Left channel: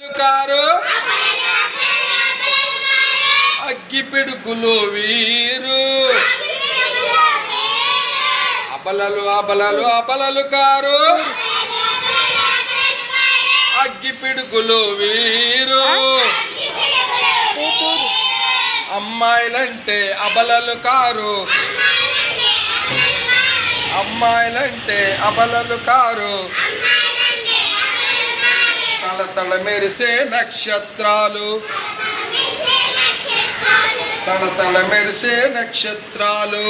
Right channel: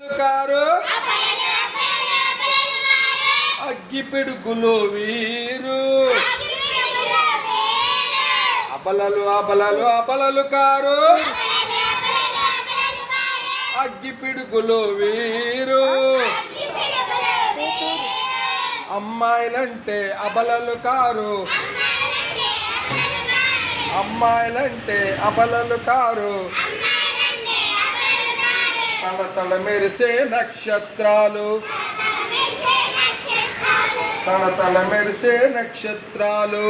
Car అగ్గిపిడుగులు వీరు అబలలు అబలలు అబలలు car అగ్గిపిడుగులు వీరు అమ్మాయిలంటే అబలలు car అమ్మాయిలంటే అబలలు car తళతళ మెరిసే నక్షత్రాలు తళతళ మెరిసే నక్షత్రాలు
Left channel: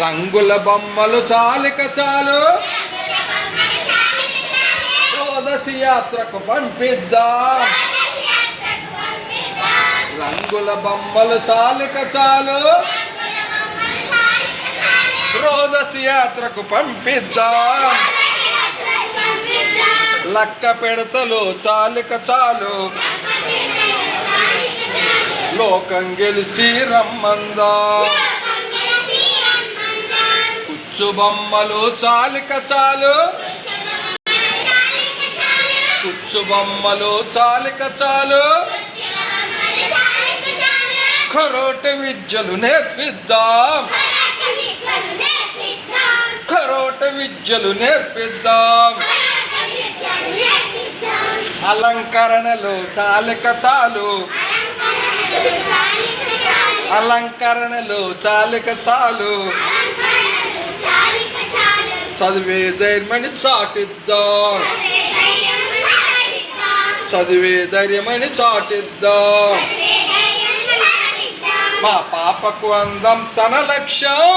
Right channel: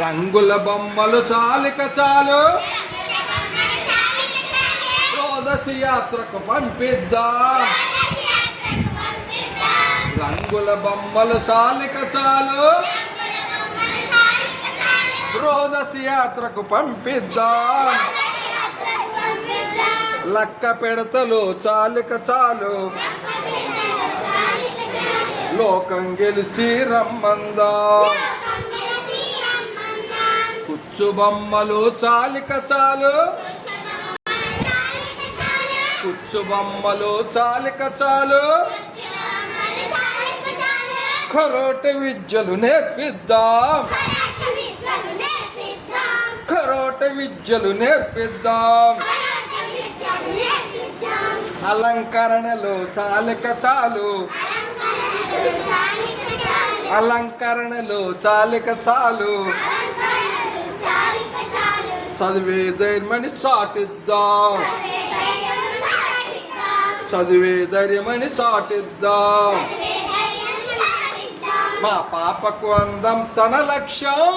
రంగుల బొమ్మలు చాలిక చాలు రోదసి యాత్రకు పంపిద్దాం రంగుల బొమ్మలు చాలిక చాలు రోదసి యాత్రకు పంపిద్దాం లక్క పెడతలు చాలిక చాలు లోకం గెలిచి రమ్మందా కుచ్చు బొమ్మలు చాలిక చాలు కుచ్చు బొమ్మలు చాలిక చాలు ఖరోటి విద్యలు నేర్పిద్దాం ఖరోటి విద్యలు నేర్పిద్దాం అలంకరణలు చాలిక చాలు అలంకరణలు చాలిక చాలు చదివే ధైర్యమని చాటిద్దాం చదివే ధైర్యమని చాటిద్దాం మా పాపకు అందం తన లక్ష్యం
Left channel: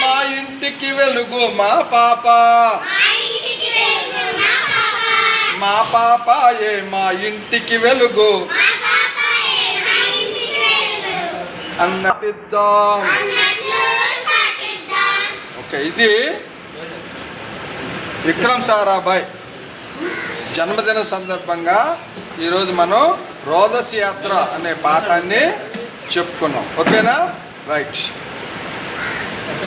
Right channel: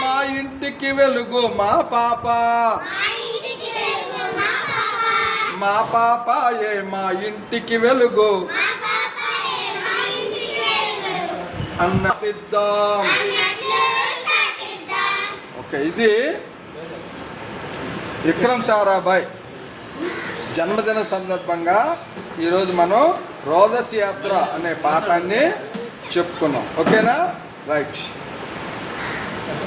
మా ఇంటికి వెలుగు మా పాప మా పాపాయే మా ఇంటికి వెలుగు అన్నటిద్దాం. ఓకే, ఇది విక్రమ్ సారాభాయ్ జన్మదిన సందర్భంగా ఈరోజు మనం రోదసి యాత్ర అనే పాఠాన్ని చెప్పుకున్నాం. ఓకేనా? రైట్.